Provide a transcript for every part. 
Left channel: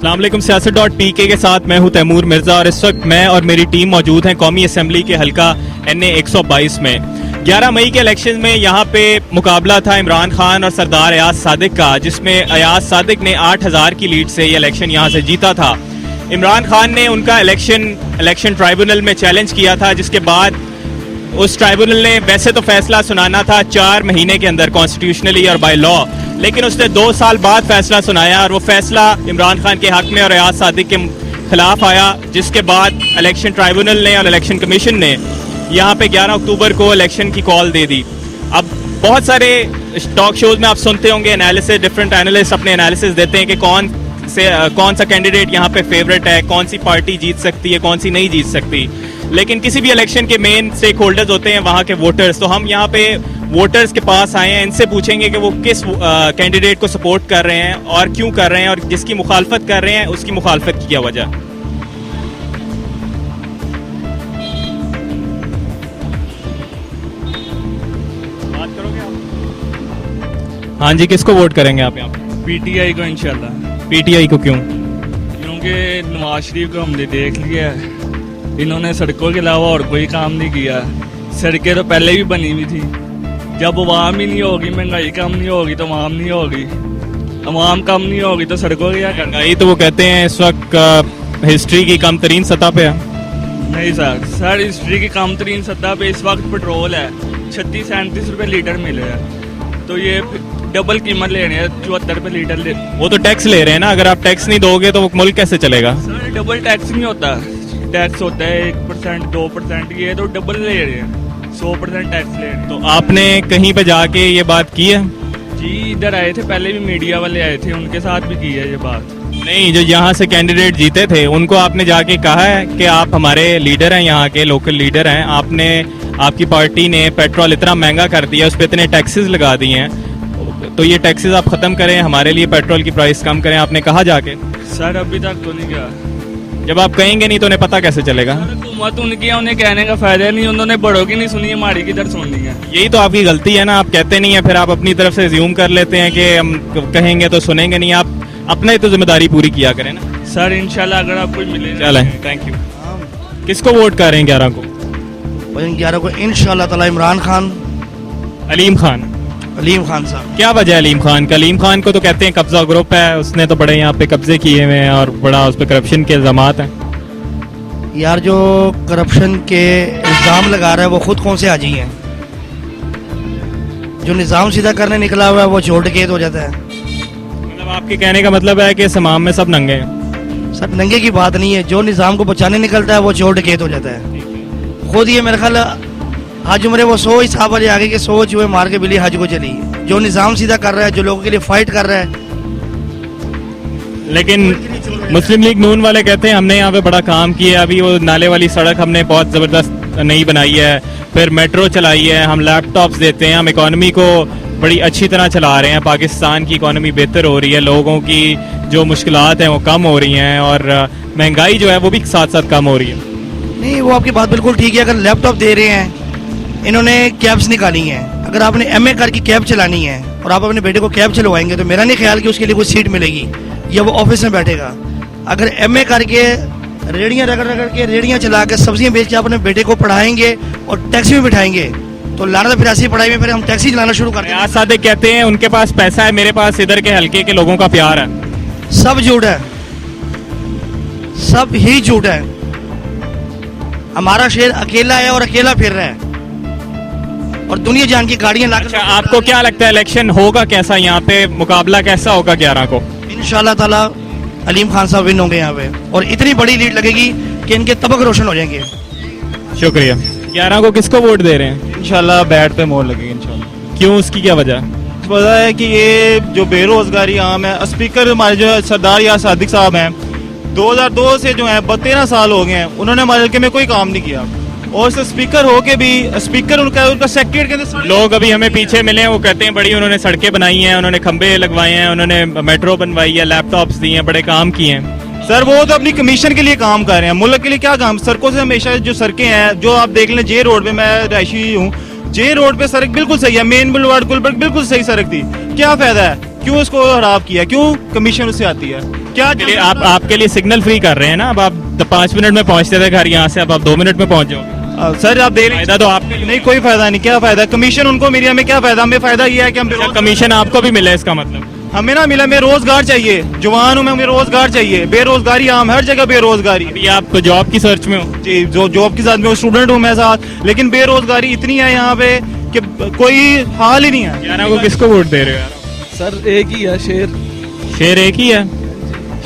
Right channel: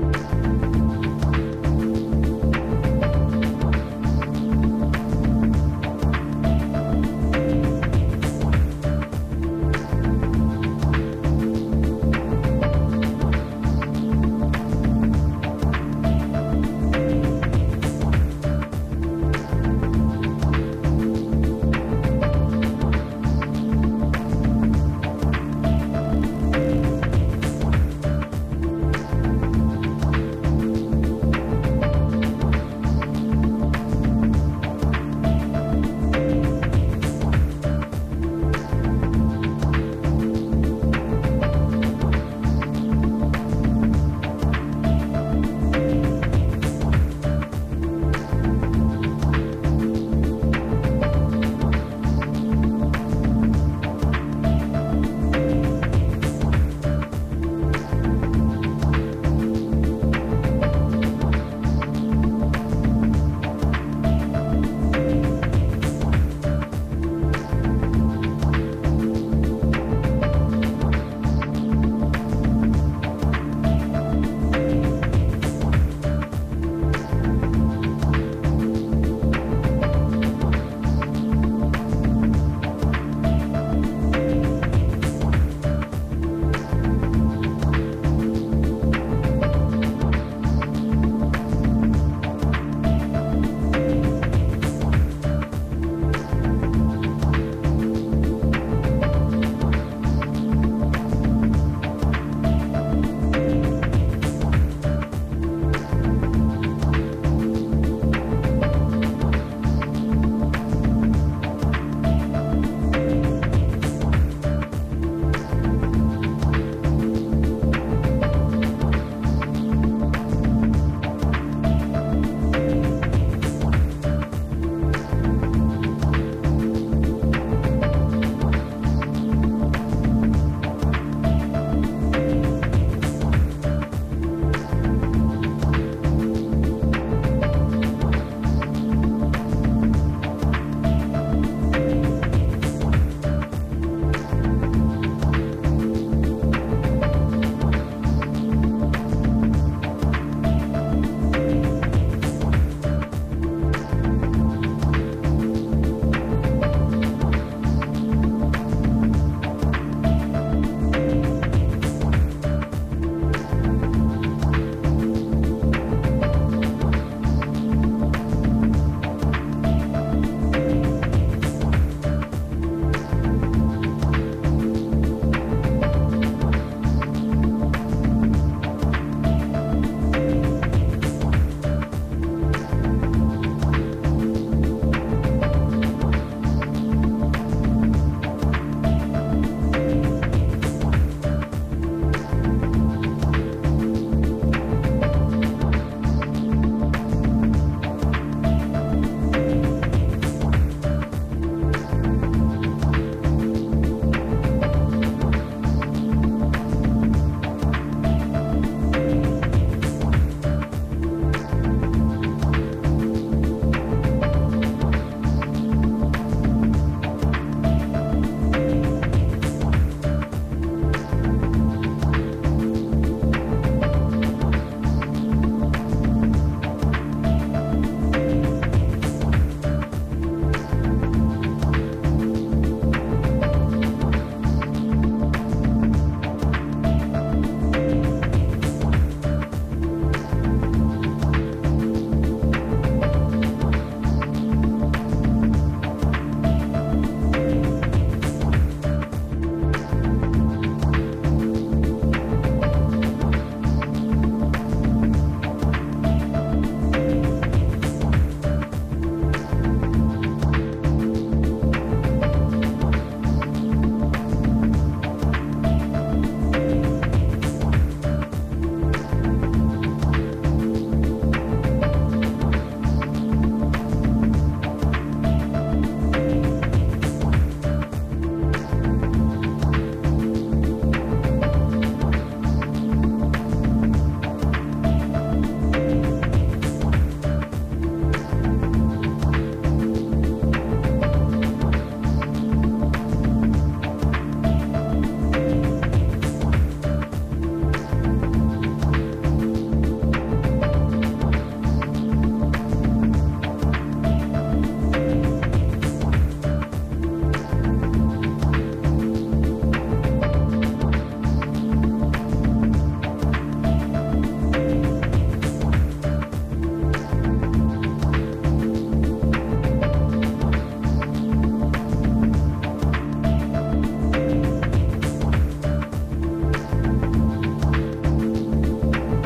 अस्सलाम वालेकुम। सियासत.pk के साथ मैं हूं तैमूर मिर्ज़ा और इस वक्त मैं और मेरी टीम मौजूद हैं कौमी असम्बली के हल्का NA 122 में। 11 मई के इलेक्शन में यहाँ पे मुकाबला था इमरान खान और सरदार अयाज सादिक का, जिसमें अयाज सादिक ने 8000 की लीड से ये इलेक्शन यहाँ से जीता था। इमरान खान ने उनका इलेक्शन ट्राइब्यूनल में चैलेंज किया था, जिसके बाद उस ट्राइब्यूनल ने वैसे तो फैसला सुनाना था 4 महीने के अंदर कॉन्स्टिट्यूशनली और बाय लॉ, लेकिन उसने 2 साल बाद फैसला सुनाया और वो फैसला इमरान खान के हक में और अयाज सादिक के खिलाफ आया, जिसके बाद इलेक्शन ट्राइब्यूनल ने और इलेक्शन कमीशन ने यहाँ पे 11 अक्टूबर को इलेक्शन की कॉल दे दी। अब बहुत सारे टॉक शोज में आप सुनते होंगे एनालिसिस, डिफरेंट एनालिस्ट अपने एनालिसिस देते हैं कि कौन सा कैंडिडेट यहाँ पे फेवरेट है, कौन सी पार्टी जीत सकती है, कौन सी नहीं जीत सकती। लेकिन किसी भी इलेक्शन के मेन स्टेक होल्डर्स होते हैं वहाँ के वोटर्स, तो हम यहाँ पे वोटर्स के पास आए हैं, इनसे पूछेंगे कि वो किस कैंडिडेट को सपोर्ट कर रहे हैं और क्यों कर रहे हैं, और जिसकी मुखालफत कर रहे हैं उसकी मुखालफत की क्या वजह। बात करोगे आप? हाँ जी, किसको वोट करेंगे आप यहाँ पे? PTI को इंशाल्लाह। PTI को क्यों? क्योंकि नवाज शरीफ को हमने देख लिया, इन्होंने सड़कों के अलावा और कोई काम नहीं किया। सड़कें तो पहले भी बनी हुई थी, जब आवाम ही नहीं होगी, महंगाई कम नहीं होगी तो आवाम नहीं होगी, आवाम कम नहीं होगी तो सड़कों की क्या करना। महंगाई तो वो कहते हैं इस वक्त हिस्ट्री की कम तरीन सतह पे है। नहीं सर हिस्ट्री की कम तरीन सतह पे इस वक्त पेट्रोल है 36-37 रुपये लीटर मिल रहा है, तो ये डबल कीमत ले रहे हैं, 74 रुपये लीटर ले। वो तो टैक्स ले रहे हैं ना, अगर आप टैक्स नहीं दोगे तो मुल्क कैसे चलेगा? सर डबल टैक्स नहीं होता, टैक्स होता है 1%, 2%, ये तो डबल ले रहे हैं, 100% टैक्स ले रहे हैं। तो आपने कहीं पे जाके ये बात की है? जी इधर आए थे, पहले भी मीडिया वाले आए थे, उनके साथ भी की है ये बात। नहीं, जो यहाँ से कैंडिडेट जीते थे उनको आपने जाके कहा है कि आप हमारे लीडर हैं, यहाँ के लोकल लीडर हैं, आपकी पार्टी ने पेट्रोल इतना महंगा कर दिया, उस पर इतने टैक्सेस लगा दिए हैं, तो ये टैक्सेस आप ख़त्म करें, हमारे लिए पेट्रोल की प्राइस कम करें, आपने कहा जाके? सर अभी तक तो नहीं गया। जब आप कहेंगे नहीं तो उन्हें पता कैसे चलेगा? हुकूमत उनकी है, उन्हें कहने का फायदा नहीं, उन्होंने बड़ों की नहीं सुनी, हमारी किधर सुननी है। यही तो आपकी गलती है ना, आप कहते नहीं है, फिर आप अपनी तरफ से ज्यूम कर लेते हैं कि हम कहेंगे तो सुनेंगे नहीं। आप अपने तो जिम्मेदारी पूरी किया करें ना। सर इंशाल्लाह अगर आपको मिले। चलें, थैंक यू। किसको वोट कर रहे हैं 11 को? 11 को इंशाल्लाह ताला इमरान खान, अलीम खान साहब। क्या वजह है अलीम खान का? अलीम खान को तो कहते हैं कब्जा ग्रुप है, उसने तो बड़े यहाँ पे कब्जे किए हुए हैं और बड़ा उस पर करप्शन के इल्जामात हैं। यार जो करप्शन के इल्जाम लगा रहा है वो खुद कौन से हाजी हैं? जो निज़ाम सीधा करने निकला हुआ है वो छोड़ के हो जाता है। मतलब आपके कहने का मतलब है कि समाम में सब नंगे हैं? सब नंगे की बात नहीं है, जो निज़ाम को बचाने निकलता है वो छोड़ के हो जाता है। खुद ये मेरे ख्याल हज उम्र वो 100 हिसाब वाले आगे के 100 चूहे मार के बिल्ली हज को चली। जो निज़ाम सीधा कर रहा है, जो लोगों के लिए फाइट कर रहा है। लेकिन मुस्लिम लीग नून वाले कहते हैं हमने यहाँ पे बड़ा काम किया, अभी वो नाले वाली सड़क हमने बहुत ज़बरदस्त नई बनाई है, फिर मेट्रो चलाई है, हम लैपटॉप्स देते हैं, हम इकॉनमी को बड़ी अच्छी तरह चला रहे हैं, पाकिस्तान की इकॉनमी बेहतर हो रही है, लोगों की जो मुश्किलात हैं वो कम हो रही हैं और महंगाई जो है वो भी साथ साथ कम हो रही है। नहीं, वो आपकी बात बिल्कुल ठीक है। अगर लैपटॉप दे रहे हैं, इन्होंने कैब्स निकाली हैं, अगर आपने MA करके कैब चलानी है और आप अपने बेटे को कैब चलवाएंगे तो मेरा नहीं ख्याल कि उसके लिए कोई सीट मिलेगी या वो ऑफिस में बैठेगा। अगर MA करके रेड़ियाँ रगड़ के रेड़ियाँ चला के सब्जियाँ बेच के अपने बेटे को पढ़ाएंगे और टैक्सी में बिठाएंगे तो लाना फिर ऐसी पढ़ाई में फिर हम टैक्सी चलाना शुरू कर दें। अयाज सादिक कहते हैं उनके पास पैसा है, मेरे पास इधर के हल्के के लोगों का प्यार है। सब झूठ है, सब ही झूठ है। हमारा शहर अकेला है और अकेला फिर रहा है और दुनिया जान की गाड़ियां लाकर। अच्छा, आपको क्या लगता है इलेक्शन होगा कैसा, यहाँ पे मुकाबला कैसा होगा 11 को? इंशाल्लाह ताला अलीम खान साहब विन होंगे यहाँ पे और इतनी बड़ी लीड लगेगी कि इनके तबक रोशन हो जाएंगे। शुक्रिया। 11 को किसको वोट दे रहे हैं? इंशाल्लाह बैट पे मोहर लगेगी इंशाल्लाह। क्यों, उसकी क्या वजह? वजह है कि ये जो बेरोजगारी आम है, स्पीकर हमारे जो सरदार अयाज सादिक साहब हैं 2002 से जो है 13 साल हो गए हैं, उन्होंने हमारे हल्के में कोई काम नहीं किया और स्पीकर होके भी स्पीकर उनका सेक्रेटरी के अंदर लोग अभी हमें पीछे मिले हैं, वो कहते हैं बड़ी उन्होंने सड़कें बनाई हैं, उन्होंने खंबे लगवाए हैं, उन्होंने मेट्रो बनवाई है, लैपटॉप्स दिए हैं, बड़े काम किए हैं। सर वो तो अपनी कमीशन के लिए काम कर रहे हैं, मुल्क के लिए क्या काम? सड़कों से हमेशा जो सड़कें हैं, जो आप देख लें जे रोड पे, मैं रहायशी हूँ, जे रोड पे सड़क बिल्कुल सही है, मेन बुलवार्ड गुलबर्ग बिल्कुल सही सड़क थी, क्या फायदा है? क्यों इसको खराब किया? क्यों कमीशन उससे आती है? क्या लिए आपके लिए सिग्नल फ्री कर रहे हैं ना, अब आप 5 मिनट में पहुंचते थे घर यहाँ से, अब आप 2 मिनट में पहुंच जाओ। सर आप दे रहे फायदा तो आपके लिए नहीं, कोई फायदा नहीं। क्या फायदा? कमीशन उनको मिली, हमें क्या फायदा? हमें फायदा ये है कि हम कमीशन आपको भी मिला, इसका मतलब हमें ना मिला। हमें रोजगार चाहिए, जवान हूँ मैं, हमें रोजगार चाहिए। बेरोजगारी आम, हर जगह बेरोजगारी। अभी आप जॉब की सर्च में हो? जी, जो जॉब के साथ में स्टूडेंट हूँ मैं साथ, लेकिन बेरोजगारी इतनी है यहाँ पे कि कोई हाल ही नहीं है। 11 को किसको वोट दे रहे हो यार? सर एक ही है शेर। शेर एक ही है?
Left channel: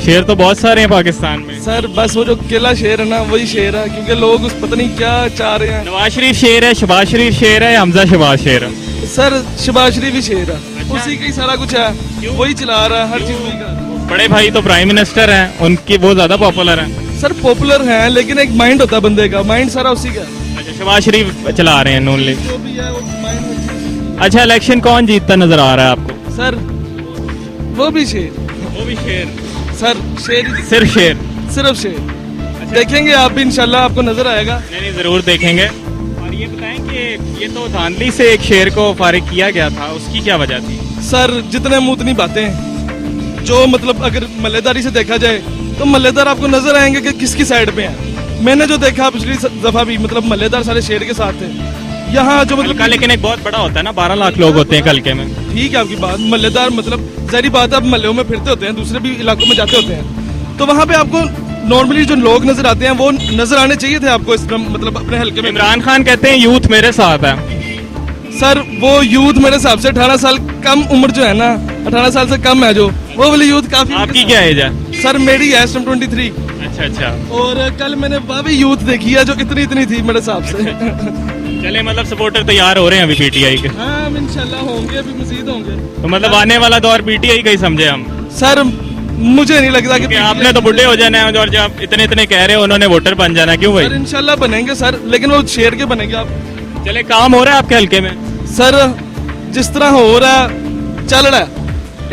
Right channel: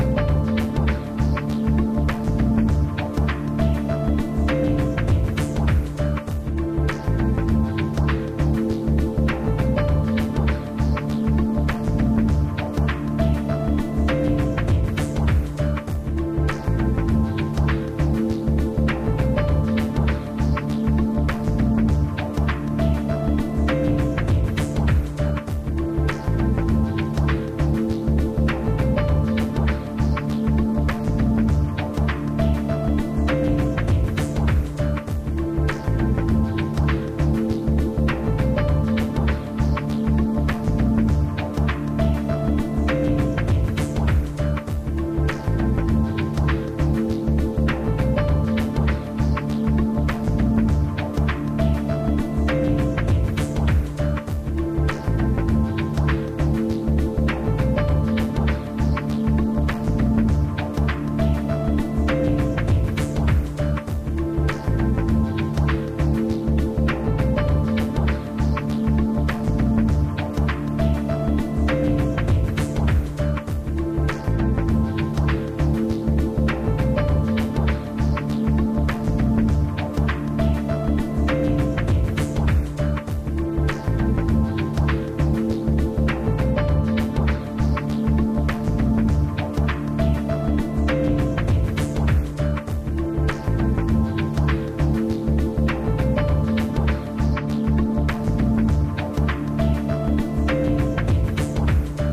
शेर तो बहुत सारे हैं पाकिस्तान में। सर बस वो जो किला शेर है ना, वही शेर है, क्योंकि लोग उस पता नहीं क्या चाह रहे हैं। नवाज शरीफ शेर है, शहबाज शरीफ शेर है, हमजा शहबाज शेर है? सर शहबाज शरीफ भी शेर है, उसी का ही सारा कुछ है, वही चला रहा है हर चीज वही का। बड़े भाई तो प्राइम मिनिस्टर हैं, उनकी वो ज्यादा पॉपुलर हैं। सर पॉपुलर हैं, लेकिन एक माइंड होता है बंदे का, माइंड सारा उसी का। अच्छा, शहबाज शरीफ चला रहे हैं नून लीग। जो भी है वो माइंड। अच्छा, इलेक्शन कौन जीतता नजर आ रहा है आपको? सर वो भी शेर, वो भी शेर, सर शेर ही, सिर्फ शेर? सिर्फ शेर। देखेंगे आप भी, इंशाल्लाह आपको नजर आएगा। नहीं, जरूर देखेंगे। और ये बताएं कि ये तो धांधली से एक शेर को फारिग किया गया था, उसकी क्या वजह थी? सर जितने मुंह उतनी बातें, जो मतलब अगर मल्लेदारी से देखा जाए तो मल्लेदार आपको नजर आएंगे कि किसकी साइड पे है। मैंने जो देखा पिछली दफा भी, मतलब मल्लेदार सारे शेर के साथ थे। यहाँ जो मतलब हल्का लेकिन एक बहुत बड़ा होता है ना, 12 लाख लोग होते हैं हल्के में। ठीक है आपकी बात, मल्लेदार मतलब सारी बात है, आप मल्लों में फिरते होते हैं, दूसरे भी इलाकों में जाते होते हैं, तो वहाँ पे आपको नॉर्मली जो लोग नजर आते हैं वो नजर आने चाहिए थे आपको, इस मतलब अपने हल्के में। इमरान खान कहते हैं यूथ मेरे साथ है। सर वो यूथ मेरे हिसाब से 18 साल कम उम्र जो है ना, 18 साल से कम है जो, वो वाली यूथ काफी। आपकी क्या एज है? सर मेरी है 23। अच्छा अच्छा। और कल मैंने वह भी यूथ देखी है जो इतनी थी मेरे हिसाब से। चले, मतलब सपोर्टर तैयार हो रहे हैं अभी पीटीआई के? हाँ इंशाल्लाह होंगे, अभी मजीद होंगे। तो मतलब आने वाला दौर पीटीआई का ही समझे हम? सर मुझे नहीं लगता कि आपने तो बुढ़े हो जाना है, और जो आप इतने कह रहे हो उन्होंने वोटर बन जाना है, क्यों भाई? सर इंशाल्लाह बनेंगे सर, लेकिन वो शेर के बनेंगे आप। चले, काम हो रहा है आपके हल्के में? सर जिस तरह हो रहा है, चल रहा है,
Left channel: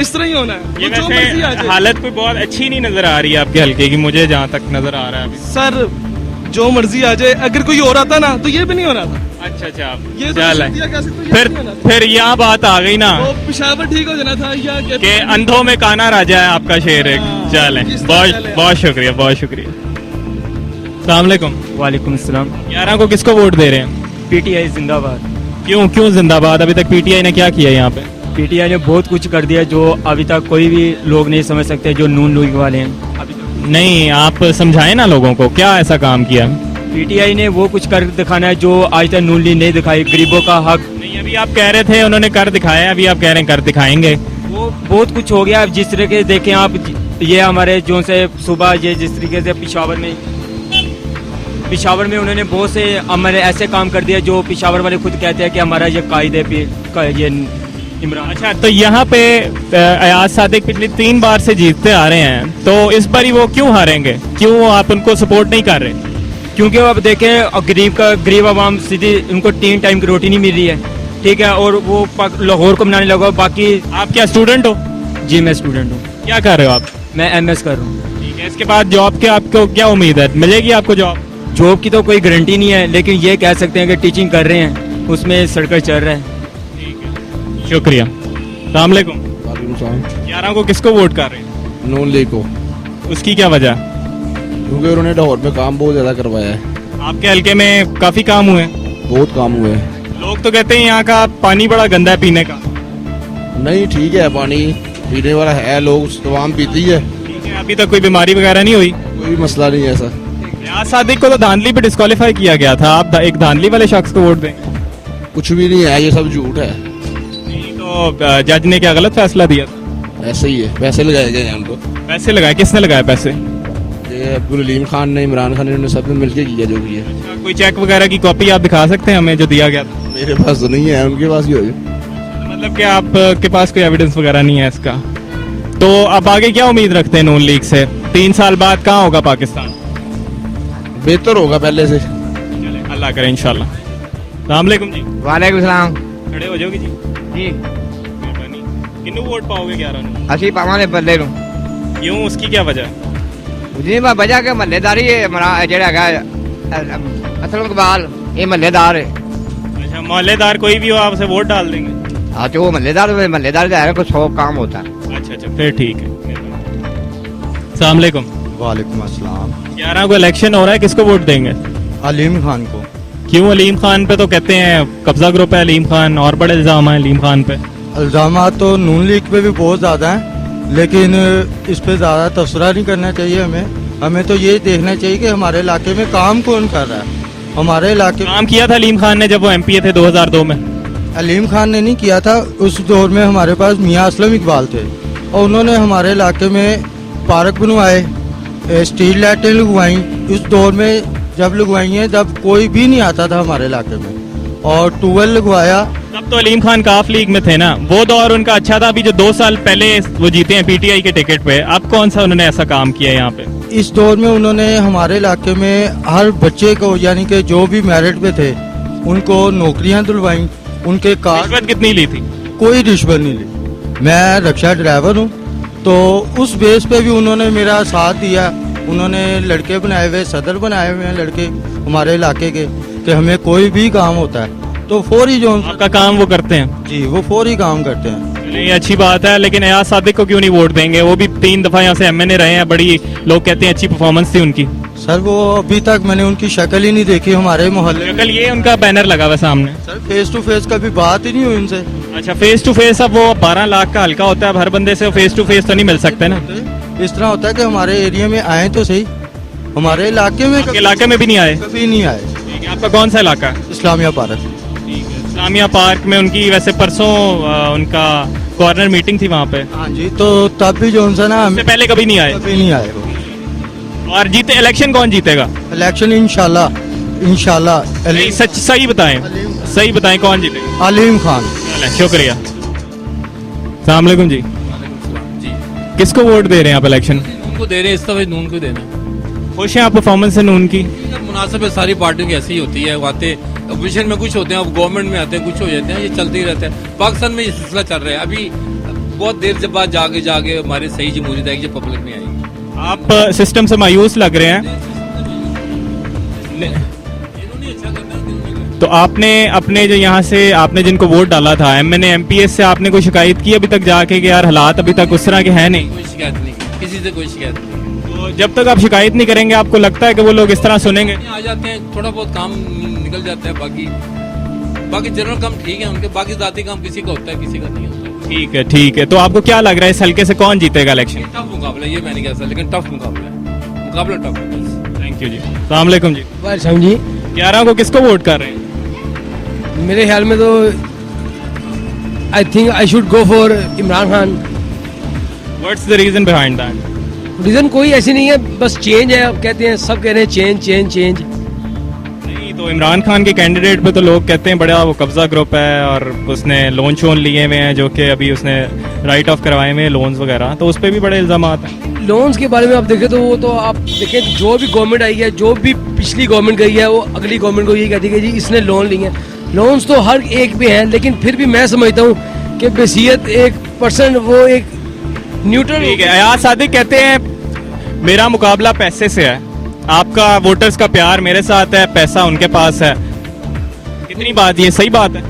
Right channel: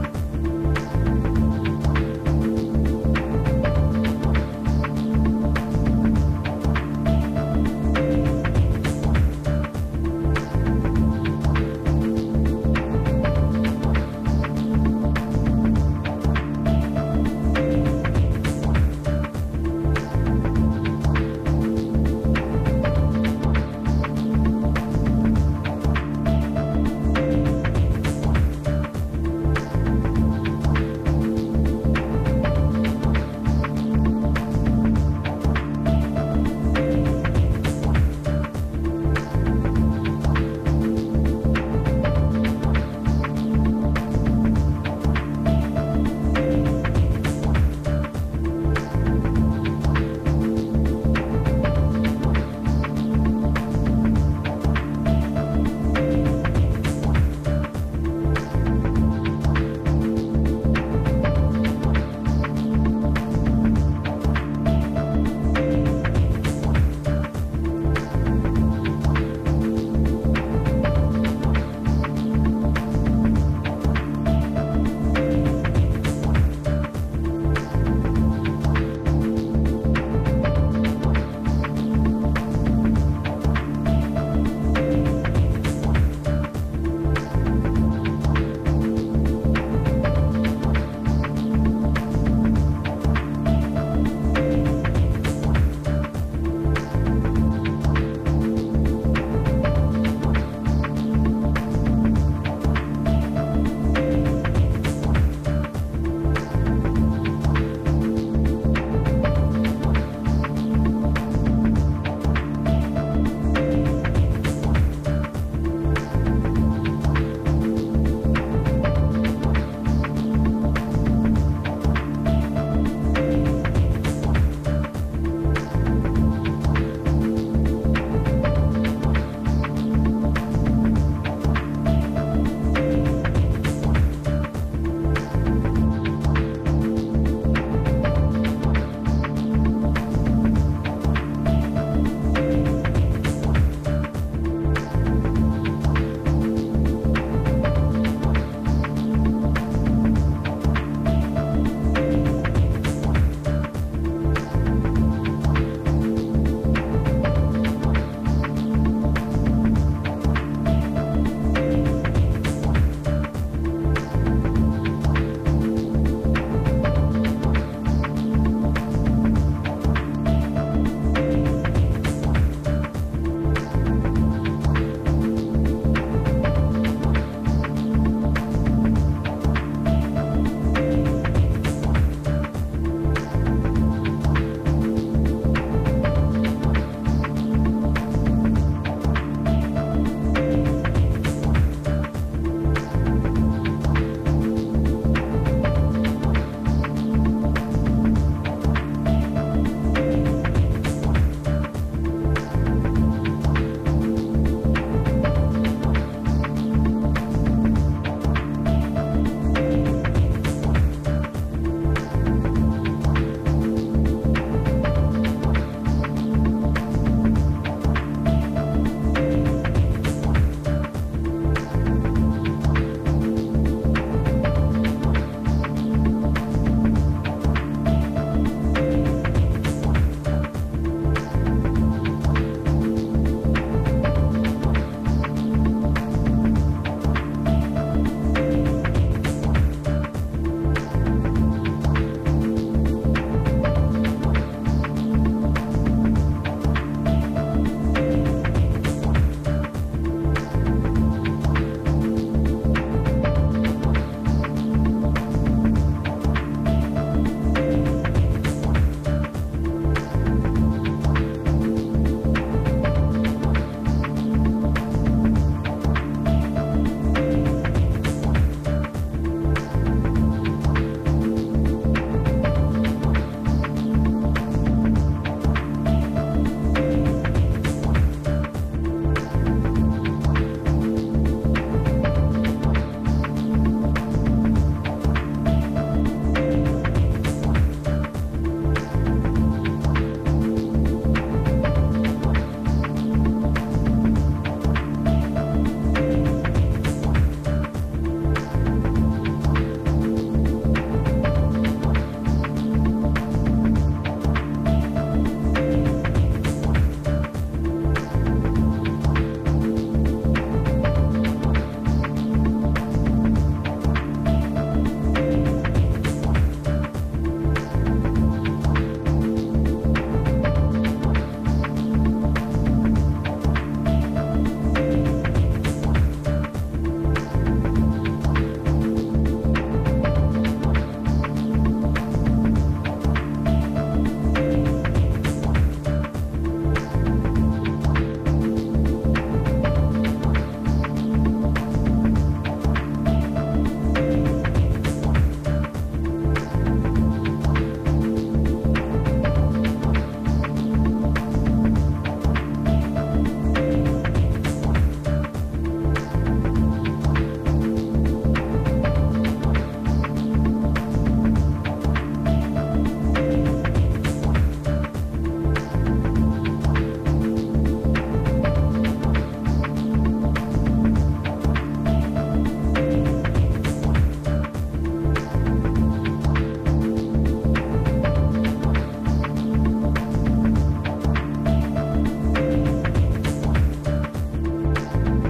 इस तरह ही होना है। ये जो मर्जी आ वैसे जाए। हालत कोई बहुत अच्छी नहीं नजर आ रही है आपके हल्के की, मुझे जहाँ तक नजर आ रहा है अभी। सर जो मर्जी आ जाए, अगर कोई हो रहा था ना तो ये भी नहीं हो रहा था। अच्छा अच्छा, ये चल दिया कैसे, तो ये फिर नहीं होना था। फिर यहाँ बात आ गई ना वो पेशावर ठीक हो जाना था या क्या? कि अंधों में काना राजा है आपका शेर एक। हाँ, चले, इस तरह बहुत चले। बहुत शुक्रिया, बहुत शुक्रिया। अस्सलाम वालेकुम। वालेकुम सलाम। 11 को किसको वोट दे रहे हैं? पीटीआई जिंदाबाद। क्यों जिंदाबाद? अभी तक पीटीआई ने क्या किया यहाँ पे? पीटीआई ने बहुत कुछ कर दिया जो अभी तक कोई भी लोग नहीं समझ सकते, जो नून लीग वाले हैं अभी तक। नहीं, आप समझाएं ना लोगों को, क्या ऐसा काम किया? पीटीआई ने वो कुछ कर दिखाना है जो आज तक नून लीग नहीं दिखाई, गरीबों का हक। नहीं, अभी आप कह रहे थे उन्होंने कर दिखाया, अभी आप कह रहे हैं कर दिखाएंगे। वो बहुत कुछ हो गया। अब जिस तरीके से देखें आप, ये हमारे जो से सुबह ये जिस तरीके से पिशावर में उन्होंने बहुत से हमारे ऐसे काम कर दिया जो पिशावर वाले खुद कहते हैं कि हमारा ये कायदे पे ये इमरान। अच्छा, तो यहाँ पे अयाज सादिक पिछली 3 बार से जीतते आ रहे हैं, तो इस बार ही वो क्यों हारेंगे? क्यों आप उनको सपोर्ट नहीं कर रहे? क्योंकि अब देखें गरीब आवाम सीधी उनको 3 टाइम की रोटी नहीं मिल रही है, ठीक है, और वो लाहौर को बनाने लगा। बाकी आप क्या स्टूडेंट हो? जी मैं स्टूडेंट हूँ। क्या कर रहे हो आप? मैं एमएस कर रहा हूँ। ठीक है, इसके बाद जॉब के आपको क्या उम्मीद है, मिलेगी आपको जॉब? जॉब की तो कोई गारंटी नहीं है, लेकिन ये कह सकते हैं कि टीचिंग कर रहे हैं, उसमें सड़कें चल रहे हैं। शुक्रिया। अस्सलाम वालेकुम। 11 को किसको वोट कर रहे हैं? नून लीग को, उसकी क्या वजह? क्योंकि उन्होंने लाहौर में काम बहुत ज्यादा करवाया है। आपके हल्के में काफी काम हुए? बहुत काम हुए हैं। लोग तो कहते हैं यहाँ का पानी बड़ा गंदा है पीने का। नहीं ठीक है, पानी पीने वाला है, लोग तमाम पीती है, ठीक है, अभी तक कोई बीमारी वगैरह नहीं हुई? कोई मसला नहीं है सर। अयाज सादिक को तो धांधली पे डिस्क्वालीफाई किया गया था, आप एक धांधली वाले शख्स को वोट देंगे? कुछ भी नहीं है, ये सब झूठ है। नहीं, तो जज ने क्या गलत फैसला दिया था? ऐसे ही है, पैसे लगाए गए हैं उनको। पैसे लगाए? किसने लगाए पैसे? ये अब्दुल अलीम खान ने, इमरान खान ने, सबने मिलके किया जो भी है। कोई चेक वगैरह की कॉपी आप दिखा सकते हैं हमें जो दिया गया था? मेरे पास तो नहीं है, उनके पास भी होगी। मतलब कि आपके पास कोई एविडेंस वगैरह नहीं है इसका? तो अब आगे क्या उम्मीद रखते हैं नून लीग से? 3 साल बाद कहाँ होगा पाकिस्तान? बेहतर होगा पहले से। चले, अल्लाह करे इंशाल्लाह। अस्सलाम वालेकुम जी। वालेकुम सलाम खड़े हो जाओगे जी? जी किन्नू वोट पाओगे 11 ਨੂੰ? ਅਸੀਂ ਪਾਵਾਂਗੇ ਬੱਲੇ ਨੂੰ क्यों, उसकी क्या वजह? ਜੀ ਮੈਂ ਵਜ੍ਹਾ ਕਿ ਮਹੱਲੇਦਾਰੀ ਹੈ ਜਿਹੜਾ ਹੈਗਾ ਅਸਲਮ ਇਕਬਾਲ ਇਹ ਮਹੱਲੇਦਾਰ ਹੈ अच्छा, मोहल्लेदार कोई भी हो आप उसे वोट डाल देंगे? ਆ ਜੋ ਮਹੱਲੇਦਾਰ ਦਾ ਹੈ ਕੋਈ 100 काम होता है। अच्छा अच्छा, फिर ठीक है। अस्सलाम वालेकुम। वालेकुम अस्सलाम। 11 को इलेक्शन हो रहा है, किसको वोट देंगे? अलीम खान को। क्यों अलीम खान पे? तो कहते हैं कब्जा ग्रुप है अलीम खान, और बड़े इल्जाम हैं अलीम खान पे। इल्जाम तो नून लीग पे भी बहुत ज़्यादा हैं, लेकिन इस पे ज़्यादा तबसरा नहीं करना चाहिए हमें तो ये देखना चाहिए कि हमारे इलाके में काम कौन कर रहा है। हमारे इलाके काम किया था अलीम खान ने जब वो एमपी थे 2002 में। अलीम खान ने नहीं किया था, उस दौर में हमारे पास मियाँ असलम इकबाल थे और उन्होंने हमारे इलाके में पार्क बनवाए, स्ट्रीट लाइटें लगवाई। उस दौर में जब लगवाई हैं जब कोई भी नहीं आता था हमारे इलाके में, और ट्यूबवेल लगवाया। तब तो अलीम खान काफ लीग में थे ना, वो दौर उनका अच्छा था। अभी जो 2 साल पहले वो जीते हैं पीटीआई के टिकट पे, अब कौन सा उन्होंने ऐसा काम किया है यहाँ पे? इस दौर में उन्होंने हमारे इलाके में हर बच्चे को, यानी कि जो भी मेरिट पे थे, उनको नौकरियां दिलवाई। उनके कार रिश्वत कितनी ली थी? कोई रिश्वत नहीं ली। मैं रिक्शा ड्राइवर हूँ, तो उस बेस पे भी उन्होंने मेरा साथ दिया। उन्होंने लड़के बनाए हुए, सदर बनाए हुए हैं लड़के हमारे इलाके के, कि हमें कोई भी काम होता है तो फौरी जो आपका काम वो करते हैं? जी, वो फौरी काम करते हैं। ये अच्छी बात है, लेकिन अयाज सादिक को क्यों नहीं वोट देंगे? वो भी 3 दफा यहाँ से एमएनए रहे हैं, बड़ी लोग कहते हैं अच्छी परफॉर्मेंस थी उनकी। सर वो अभी तक मैंने उनकी शक्ल ही नहीं देखी हमारे मोहल्ले में। कल ये उनका बैनर लगा हुआ सामने। सर फेस टू फेस कभी बात ही नहीं हुई उनसे। अच्छा, फेस टू फेस, अब वो 12 लाख का हल्का होता है, अब हर बंदे से फेस टू फेस तो नहीं मिल सकते ना। इस तरह होता है कि हमारे एरिया में आए तो सही, हमारे इलाके में आपके इलाके में भी नहीं आए? कभी नहीं आए। ठीक है, आपका कौन सा इलाका है? इस्लामिया पार्क। ठीक है, इस्लामिया पार्क में उनकी वैसे परसों उनका कॉर्नर मीटिंग थी वहाँ पे। हाँ जी, तो तब भी जो सा ना इससे पहले कभी नहीं आए? कभी नहीं आए। और जीते, इलेक्शन कौन जीतेगा? इलेक्शन इंशाल्लाह सही बताएं कौन जीतेगा? अलीम खान। शुक्रिया। अस्सलाम वालेकुम जी। किसको वोट दे रहे हैं आप इलेक्शन? उनको दे रहे हैं, इस दफे नून को दे रहे हैं। खुश हैं आप परफॉर्मेंस से नून की? मुनासिब है, सारी पार्टियों की ऐसी ही होती है। आते अपोजिशन में कुछ होते हैं, अब गवर्नमेंट में आते हैं कुछ हो जाते हैं, ये चलते ही रहते हैं। पाकिस्तान में ये सिलसिला चल रहा है। अभी बहुत देर जब बाद जाके हमारे सही जमहूरियत आएगी जब पब्लिक में आएगी। आप सिस्टम से मायूस लग रहे हैं, तो आपने अपने जो यहाँ से आपने जिनको वोट डाला था एमएनए एमपीएस से, आपने कोई शिकायत की अभी तक जाके कि यार हालात अभी तक उस तरह के हैं नहीं? कोई शिकायत नहीं, किसी से कोई शिकायत नहीं। तो जब तक आप शिकायत नहीं करेंगे, आपको लगता है कि वो लोग इस तरह सुनेंगे? आ जाते हैं, थोड़ा बहुत काम निकल जाता है, बाकी जनरल काम ठीक है उनके, बाकी जाती काम किसी का होता है किसी का नहीं होता। ठीक है। तो आपको क्या लग रहा है इस हल्के से कौन जीतेगा इलेक्शन? टफ मुकाबला, ये मैं नहीं कह सकता, लेकिन टफ मुकाबला टफ है। थैंक यू जी। अस्सलाम वालेकुम जी। वालेकुम जी। 11 को किसको वोट कर रहे हैं? मेरे ख्याल में तो I think I should go for Imran Khan. What's the reason behind that? Reason कोई ऐसी नहीं है, बस चेंज है। अब कहते हैं, सब कह रहे हैं चेंज। नहीं, तो इमरान खान के कैंडिडेट पे तो लोग कहते हैं बड़ा वो कब्जा ग्रुप है और उसने लोन शोन लिए हुए हैं, जो कि अभी उसने राइट ऑफ करवाए हुए हैं लोन्स वगैरह, तो उस पर भी बड़े इल्जाम हैं। लोन्स के बारे में आप देखें तो वो तो आप देखें, जो भी गवर्नमेंट आई है, जो भी पिछली गवर्नमेंट गई है, वो अगली गवर्नमेंट को ये कहती है कि जी इसने लोन लिए हैं। लोन्स तो हर एक पे हैं, लेकिन फिर भी मैं समझता हूँ कि बसीयत 1% वो एक न्यूट्रल। ठीक है, अयाज सादिक कहते हैं मेरा मुकाबला पैसे से है, आपका वोटर्स का प्यार मेरे साथ है, पैसा उनके पास है। कितनी बात, ये सही बात है?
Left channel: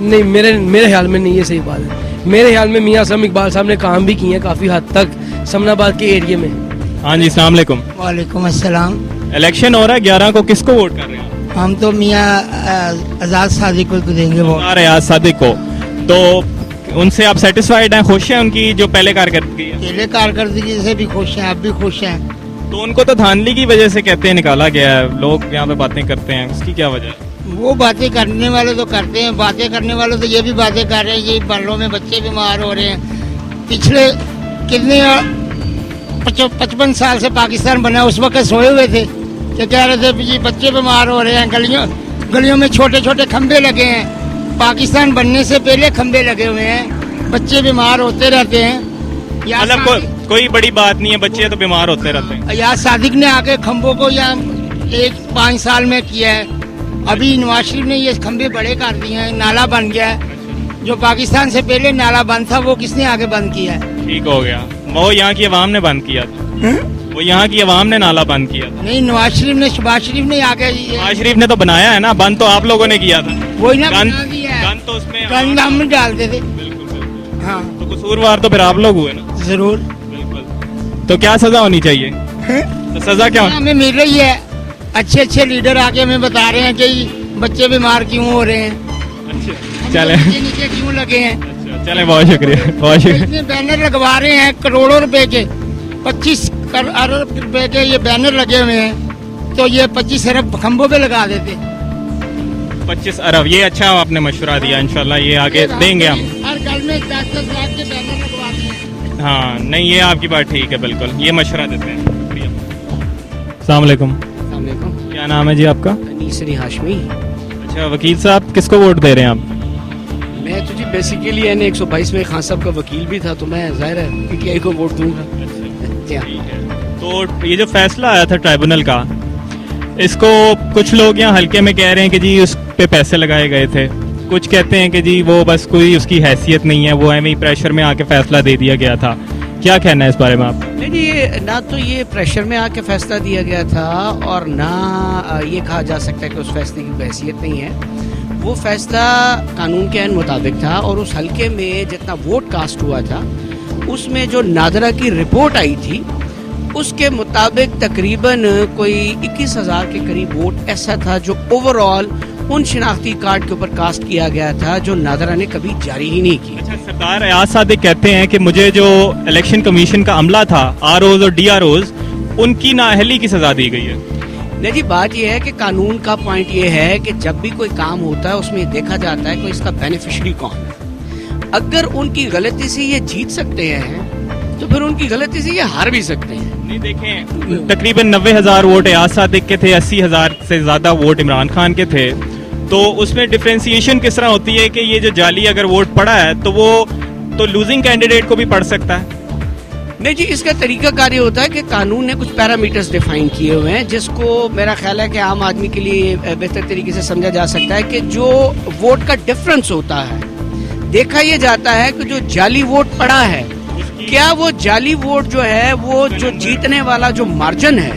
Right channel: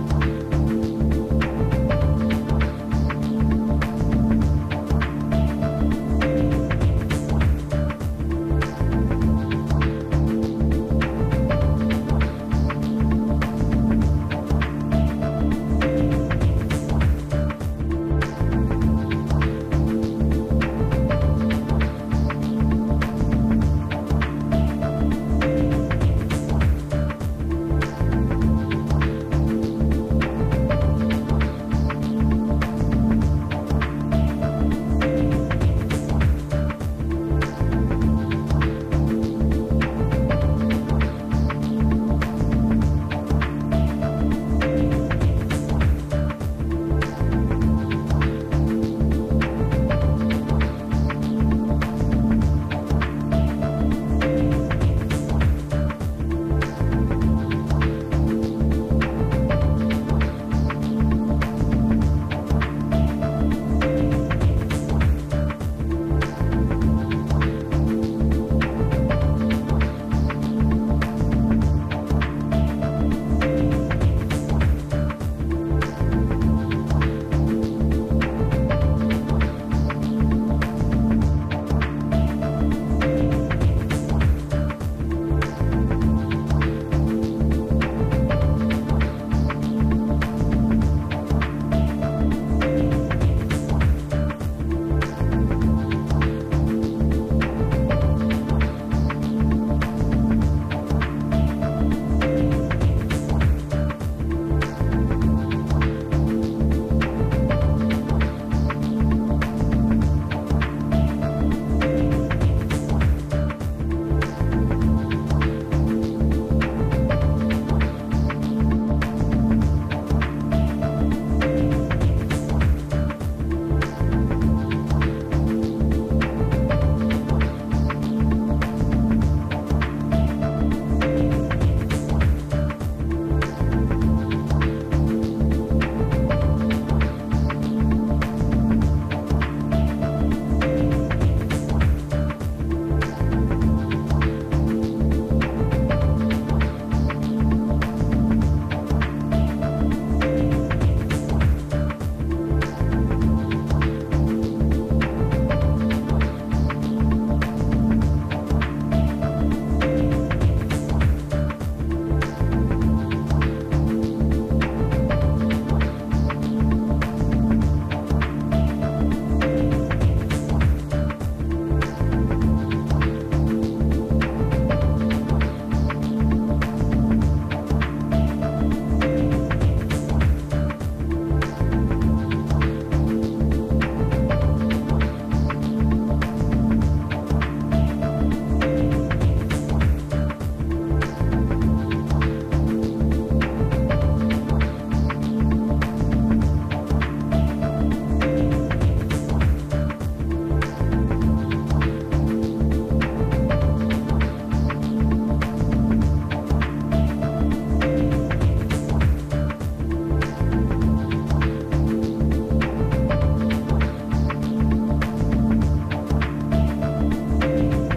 नहीं, मेरे ख्याल में नहीं, ये सही बात है। मेरे ख्याल में मियाँ असलम इकबाल साहब ने काम भी किए हैं काफ़ी हद तक समनाबाद के एरिया में। हाँ जी, अस्सलाम वालेकुम। वालेकुम अस्सलाम। इलेक्शन हो रहा है, 11 को किसको वोट कर रहे हैं? हम तो मियाँ आज़ाद सादिक को देंगे वोट। अयाज सादिक को। तो उनसे आप सेटिस्फाइड हैं, खुश हैं उनकी जो पहले कारकर्दगी है? पहले कारकर्दगी से भी खुश हैं, अब भी खुश हैं। तो उनको तो धांधली की वजह से कहते हैं निकाला गया है, लोग यहाँ पे बातें करते हैं, उसकी क्या वजह है? वो बातें करने वाले तो करते हैं, बातें करने वाले तो ये भी बातें कर रहे हैं, ये बालों में बच्चे बीमार हो रहे हैं। पिछले कितने 55 साल से पाकिस्तान बना, उस वक्त सोए हुए थे कि कह रहे थे जी बच्चे बीमार हो रहे हैं, गलियों में छोटे छोटे खंबे लगे हैं। पाकिस्तान बनने से पहले खंबे लगे हुए हैं, बच्चे बीमार होते रहते हैं। मतलब कोई बड़ी बात नहीं है, बच्चे तो बीमार होते रहते हैं। अयाज सादिक ने आके खंबों को यहाँ 5 साल में किया है। अभी नवाज शरीफ ने ये खंबे बड़े कर दिए हैं, नाला बन गया है। जो पाकिस्तान से पहले नाला बंद था, वो किसने आगे बंद किया है? ठीक हो गया, वो यहाँ की आवाम ने बंद किया था। वो यहाँ की आवाम ने नाला बंद किया। नहीं, नवाज शरीफ ने, शहबाज शरीफ ने आगे, नवाज शरीफ ने तो बनाया है ना, बंद तो आप लोगों ने किया था। वही ना गंद बना दिया है। तो उसमें गंद हम डालते थे। हाँ, तो कसूरवार तो फिर आप लोग हुए ना। जरूर। तो क्या सजा होनी चाहिए? तो सजा क्या होनी? हमें मिल रही है, अच्छे अच्छे लीडर आके हमें बता रहे हैं कि बच्चे बीमार क्यों हो रहे हैं, चले बच्चे नीचे क्यों लगे हैं। चले, बहुत शुक्रिया, बहुत शुक्रिया। इतने बैनर लगवा रहे हैं करोड़ों रुपए के, 25 अरब रुपए के ये बैनर लगे हुए हैं, तो ये 25 अरब खंभों पे लगा देते। 25 अरब, ये अच्छा आपने मशवरा दिया, इंशाल्लाह ये आगे देंगे हम। हर घर में 10-10 लाख के बैनर लगवाते हैं। हाँ नहीं, ये आपकी बात ठीक है, बिल्कुल ये मशवरा देते हैं। अस्सलाम वालेकुम, क्या नाम है जी आपका? अनीसरी हाशमी। अच्छा वकील साहब, किसको वोट दे रहे हैं आप? मैं तो जी बेसिकली एन 122 में खान साहब का वकील भी था, तो मैं जाहिर है पीटीआई को वोट दूंगा। तो ये जो फैसला आया था ट्राइब्यूनल का, इसको कुछ लोग यहाँ हल्के में कह रहे हैं कि जी उस पे पैसे लगाए गए थे, कुछ कहते हैं कि जी वो बस कोई उसकी हैसियत नहीं है, वो एम प्रेशर में आके फैसला दे दिया गया था। क्या कहना है इस बारे में आप? नहीं, ये ना तो ये प्रेशर में आके फैसला दिया गया था और ना ये कहा जा सकता है कि उस फैसले की हैसियत नहीं है। वो फैसला कानून के मुताबिक था और उस हल्के में जितना वोट कास्ट हुआ था उसमें जो नादरा की रिपोर्ट आई थी उसके मुताबिक तकरीबन कोई 21,000 के करीब वोट ऐसा था जो ओवरऑल उन शिनाख्ती कार्ड के ऊपर कास्ट किया गया था जो नादरा ने कभी जारी ही नहीं किया। अच्छा, सरदार अयाज सादिक कहते हैं कि मुझे जो इलेक्शन कमीशन का अमला था, आरओज और डीआरओज, उनकी नाअहली की सजा दी गई है। नहीं जी, बात यह है कि कानून का पॉइंट ये है कि जब भी कोई काम होता है उसमें देखा जाता है कि इसका बेनिफिशियरी कौन है। अगर उनकी गलती से ये जीत सकते हैं तो फिर उनकी गलती से ये हार भी सकते हैं। नहीं देखें, तकरीबन 90,000 वोट अयाज सादिक के थे, 80,000 से ज्यादा वोट इमरान खान के थे, तो उसमें डिफरेंशिएशन किस तरह होती है कि ये जो जाली अगर वोट पड़ा है तो वो तो लूजिंग कैंडिडेट को भी पड़ सकता है? नहीं जी, इसका तरीका कार ये होता है कि कानून ने कुछ पैरामीटर्स डिफाइन किए हुए हैं जिसको मेरा ख्याल है कि आम आदमी के लिए बेहतर तरीके से समझा जा सकता है कि जो वोट का डिफरेंस होता है, देखा ये जाता है कि जो जाली वोट पड़ा है, क्या वो जाली वोट जो है वो जो जीतने वाला जो मार्जिन है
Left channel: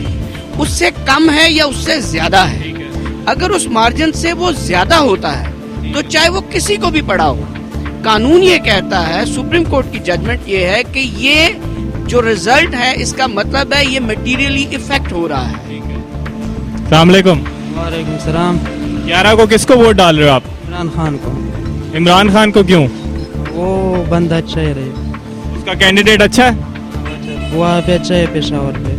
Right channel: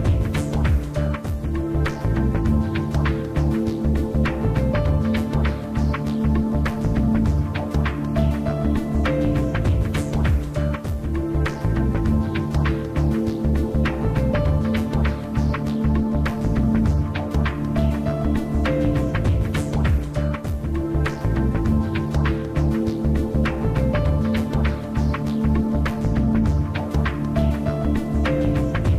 उससे कम है या उससे ज्यादा है। अगर उस मार्जिन से वो ज्यादा होता है तो चाहे वो किसी को भी पड़ा हो, कानून ये कहता है, सुप्रीम कोर्ट की जजमेंट ये है कि ये जो रिजल्ट है इसका मतलब है ये मटेरियली इफेक्ट हो रहा है। अस्सलाम वालेकुम। वालेकुम सलाम। 11 को किसको वोट डाल रहे हो आप? इमरान खान को। इमरान खान को क्यों? वो बंदा अच्छा ही रहे, उसका कैंडिडेट अच्छा है, वो पे अच्छा है पेशावर पे।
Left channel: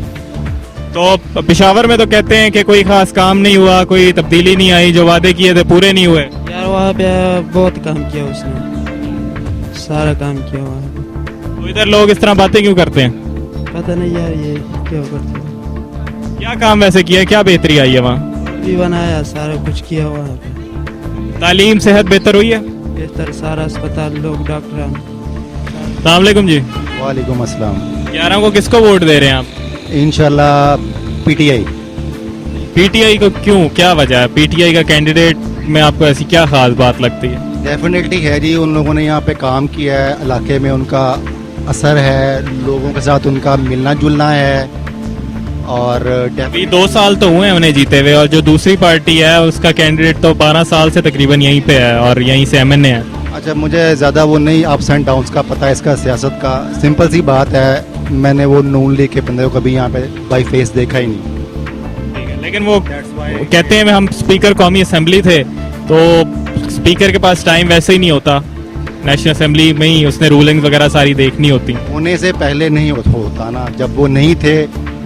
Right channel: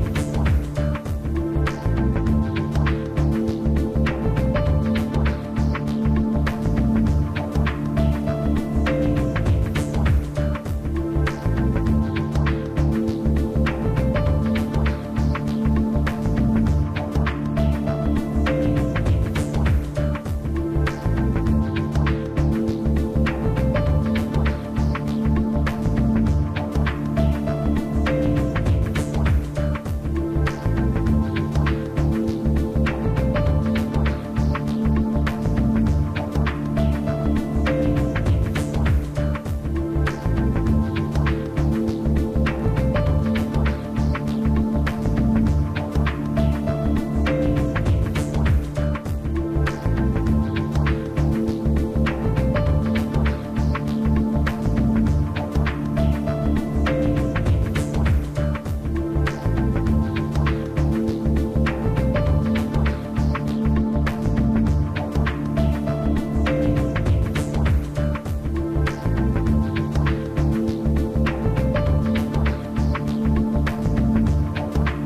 तो पेशावर में तो कहते हैं कि कोई खास काम नहीं हुआ, कोई तब्दीली नहीं आई, जो वादे किए थे पूरे नहीं हुए। यार वहाँ पे बहुत काम किया उसने, सारा काम किया हुआ है। तो इधर लोग इस तरह बातें क्यों करते हैं? पता नहीं यार ये क्यों करते। क्या काम वैसे किया है, क्या बेहतरी आई है वहाँ? भी बनाया, सारा कुछ किया हुआ है। तालीम सेहत बेहतर हुई है? बेहतर, सारा अस्पताल, लोग, डॉक्टर। अस्सलाम वालेकुम जी। वालेकुम अस्सलाम। 11 को किसको वोट दे रहे हैं आप? इंशाल्लाह पीटीआई। पीटीआई को क्यों, क्या वजह है? पीटीआई का कैंडिडेट में आपको ऐसी क्या खास बात लगती है? डेफिनेटली है जी, उन लोगों ने यहाँ पे काम किया है, इलाके में उनका असर है, लोगों के साथ उनका मिलना जुलना है। और अभी 2 साल तो हुए हैं उन्हें जीते हुए, और जो दूसरी पार्टी है उसका कैंडिडेट तो 12 साल से तकरीबन यहीं पे है और यहीं से एमएनए है। अच्छा, मुझे ज़्यादा वो नहीं अप्स एंड डाउन्स का पता है, इसका सियासत का। सिंपल सी बात है, मैंने वो नून लीग के बंदे को कभी यहाँ पे बाई फेस देखा ही नहीं। लेकिन वो कहते हैं हम स्पीकर कौमी असेंबली थे, तो स्पीकर के पास टाइम वैसे ही नहीं होता, नेशनल असेंबली में ही उसने रूलिंग वगैरह सारी देखनी होती। होने से पहले नहीं होता ना, जब वो नहीं थे,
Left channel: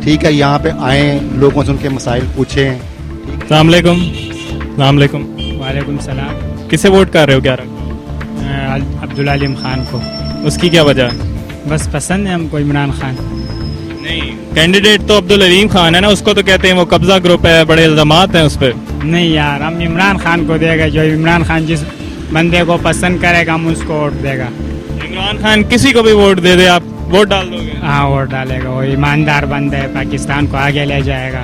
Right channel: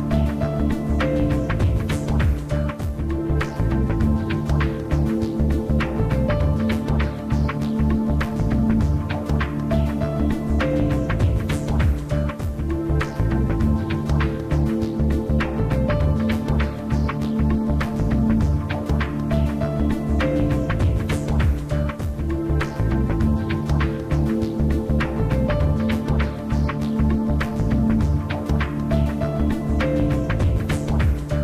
ठीक है, यहाँ पे आए, लोगों से उनके मसाइल पूछें। अस्सलाम वालेकुम। अस्सलाम वालेकुम। वालेकुम सलाम। किसे वोट कर रहे हो 11? अब्दुल अलीम खान को। उसकी क्या वजह है? बस पसंद है हमको इमरान खान। नहीं, कैंडिडेट तो अब्दुल अलीम खान है ना, उसको तो कहते हैं वो कब्जा ग्रुप है, बड़े इल्जामात हैं उस पर। नहीं यार, हम इमरान खान को देगा, जो इमरान खान जिस बंदे को पसंद करेगा हम उसको वोट देगा। इमरान खान किसी को भी वोट दे दे, आप वोट डाल दोगे? हाँ, वोट डालेगा, वो ईमानदार बंदा है, पाकिस्तान को आगे ले जाएगा।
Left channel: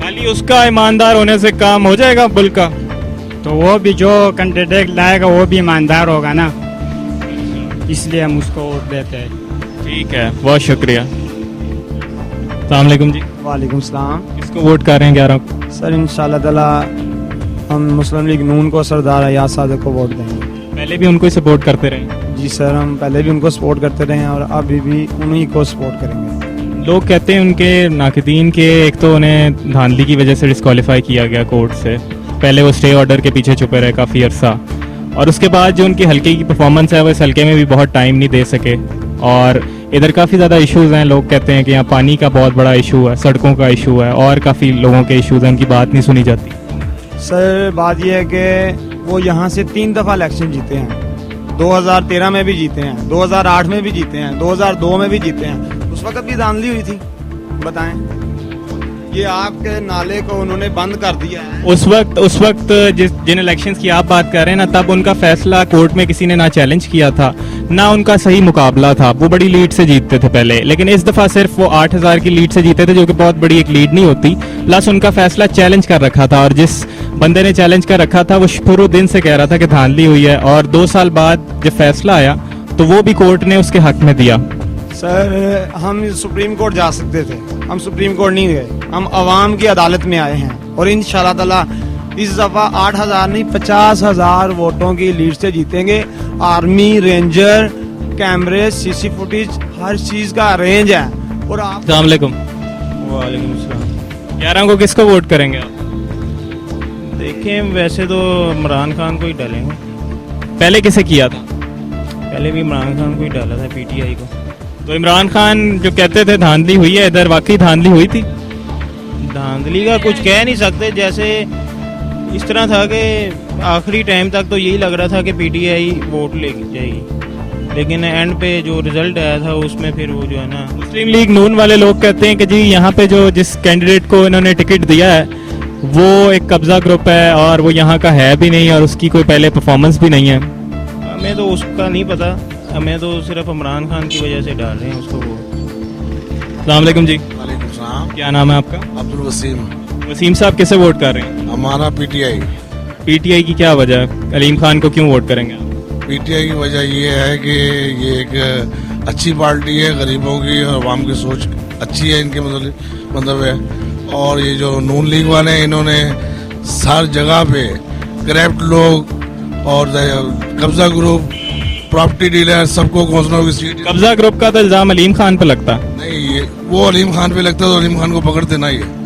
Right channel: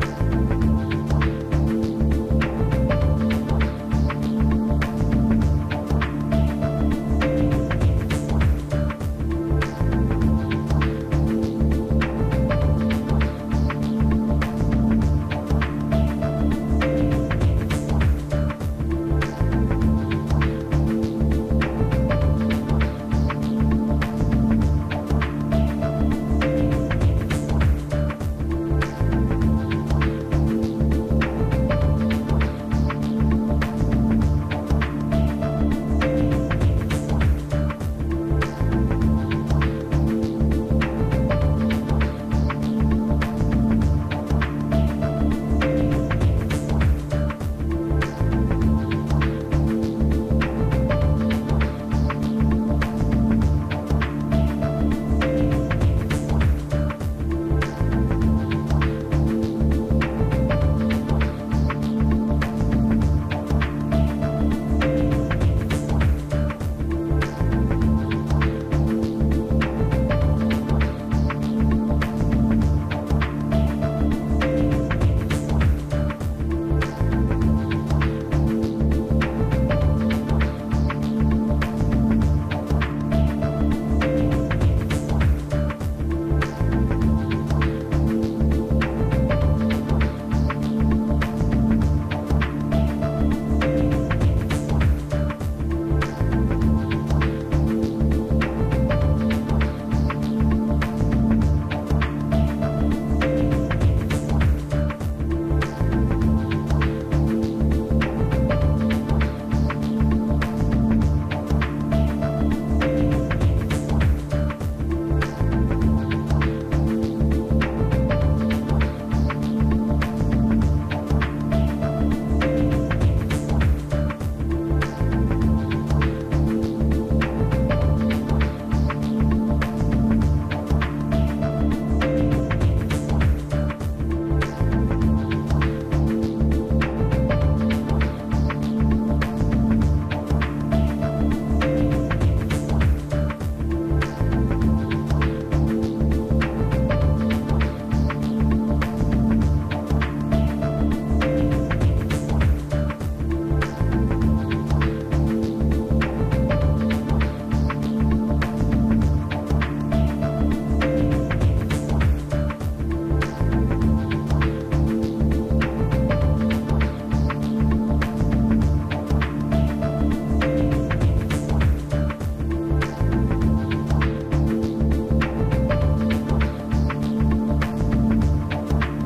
खाली उसका ईमानदार होने से काम हो जाएगा मुल्क का? तो वो भी जो कैंडिडेट लाएगा वो भी ईमानदार होगा ना, इसलिए हम उसको वोट देते हैं। ठीक है, बहुत शुक्रिया। अस्सलाम वालेकुम जी। वालेकुम सलाम। किसको वोट कर रहे हैं 11 को? सर इंशाल्लाह ताला हम मुस्लिम लीग नून को, सरदार अयाज सादिक को वोट देंगे। पहले भी उनको ही सपोर्ट करते रहे? जी सर, हम पहले भी उनको सपोर्ट करते रहे हैं और अभी भी उन्हीं को सपोर्ट करेंगे। लोग कहते हैं उनके नाकदीन के एक तो उन्हें धांधली की वजह से डिस्क्वालीफाई किया गया कोर्ट से, पहले वो स्टे ऑर्डर के पीछे छुपे रहे काफ़ी अरसा, और उसके बाद जो उनकी हल्के की परफॉर्मेंस है वो इस हल्के में भी बहुत टाइम नहीं दे सके। और इधर काफ़ी ज़्यादा इश्यूज़ हैं, लोग कहते हैं कि यहाँ पानी का बहुत बड़ा इशू है, सड़कों का इशू है, और काफ़ी लोगों के इशूज़ हैं, उनकी बात नहीं सुनी जाती। सर बात यह है कि वो यहाँ से 3 दफ़ा इलेक्शन जीते हैं, 2013 में भी जीते हैं, 2008 में भी जीते हैं, 2002 में भी जीते हैं। उस वक्त भी धांधली हुई थी, बताएं। ये आपके नाले को उन्होंने बंद कर दिया है। उस वक्त जिन इलेक्शंस की आप बात कर रहे हैं ना, तब उनका फैसला कोर्ट में किसी ने ना चैलेंज किया था, ना उनका सही मुकाबला था। वो बड़ी लीड से जीतते थे पहले, लेकिन इस दफ़ा सिर्फ वो 8000 की लीड से जीते थे, जो कि बहुत बड़ी एक लीड नहीं होती। प्लस उनका फैसला चैलेंज कर रखा था, और जिस बंदे ने चैलेंज कर रखा था वो शुरू दिन से कह रहा था कि धांधली हुई है, और 2 साल बाद जब फैसला आया तो वो भी कोर्ट ने उसके हक में दिया। सर हम सुप्रीम कोर्ट जा सकते थे, हम सुप्रीम कोर्ट नहीं गए, हम अवाम की अदालत में आए हैं, और इंशाल्लाह ताला इस दफ़ा 8000 नहीं 50,000 वोटों की लीड से जीतेंगे। आर्मी, रेंजर, कैमरे, सीसी फुटेज, हर चीज़ का अरेंज है। और आप अस्सलाम वालेकुम। 11 को किसको वोट करेंगे? देखें, वैसे तो इमरान खान को ही डालेंगे। पहले किसे किया था? पहले भी इमरान खान को ही डाला था, पीटीआई को। तो इमरान खान जो कहते थे धांधली हुई है, इधर वाकई धांधली हुई थी? धांधली का कुछ कह नहीं सकते, जैसे इस तरह था कि आखिरी टाइम तक तो यही लग रहा था कि पीटीआई वोट ले जाएगी, लेकिन एंड पे जो रिजल्ट आया था उसमें फिर वो जो है ना, मुस्लिम लीग नून वाले लोग कहते हैं कि जी यहाँ पे जो जिस कैंडिडेट को इन्होंने टिकट दिया है वो एक कब्जा ग्रुप है, और वो यहाँ का है भी नहीं, और उसकी कोई पहले परफॉर्मेंस भी नहीं है। हमें तो उसका नहीं पता, हमें तो सिर्फ इमरान खान की वजह से डाल रहे हैं उसको। अस्सलाम वालेकुम जी। क्या नाम है आपका? अब्दुल वसीम। वसीम साहब किसे वोट कर रहे हैं? हमारा पीटीआई। पीटीआई की क्या वजह है? अलीम खान को क्यों वोट करेंगे? पीटीआई की वजह ये है कि ये एक अच्छी पार्टी है, गरीबों की और आवाम की सोच अच्छी है, इनके मतलब है। और ये जो नून लीग वाले हैं, इन्होंने हर जगह पे करप्ट लोग और कब्जा ग्रुप, प्रॉपर्टी डीलर, सबको घोषणाओं की सीट। कब्जा ग्रुप का तो इल्जाम अलीम खान पे लगता है। नहीं, वो अलीम खान पे लगता है तो अलीम खान को पकड़ देना ही है।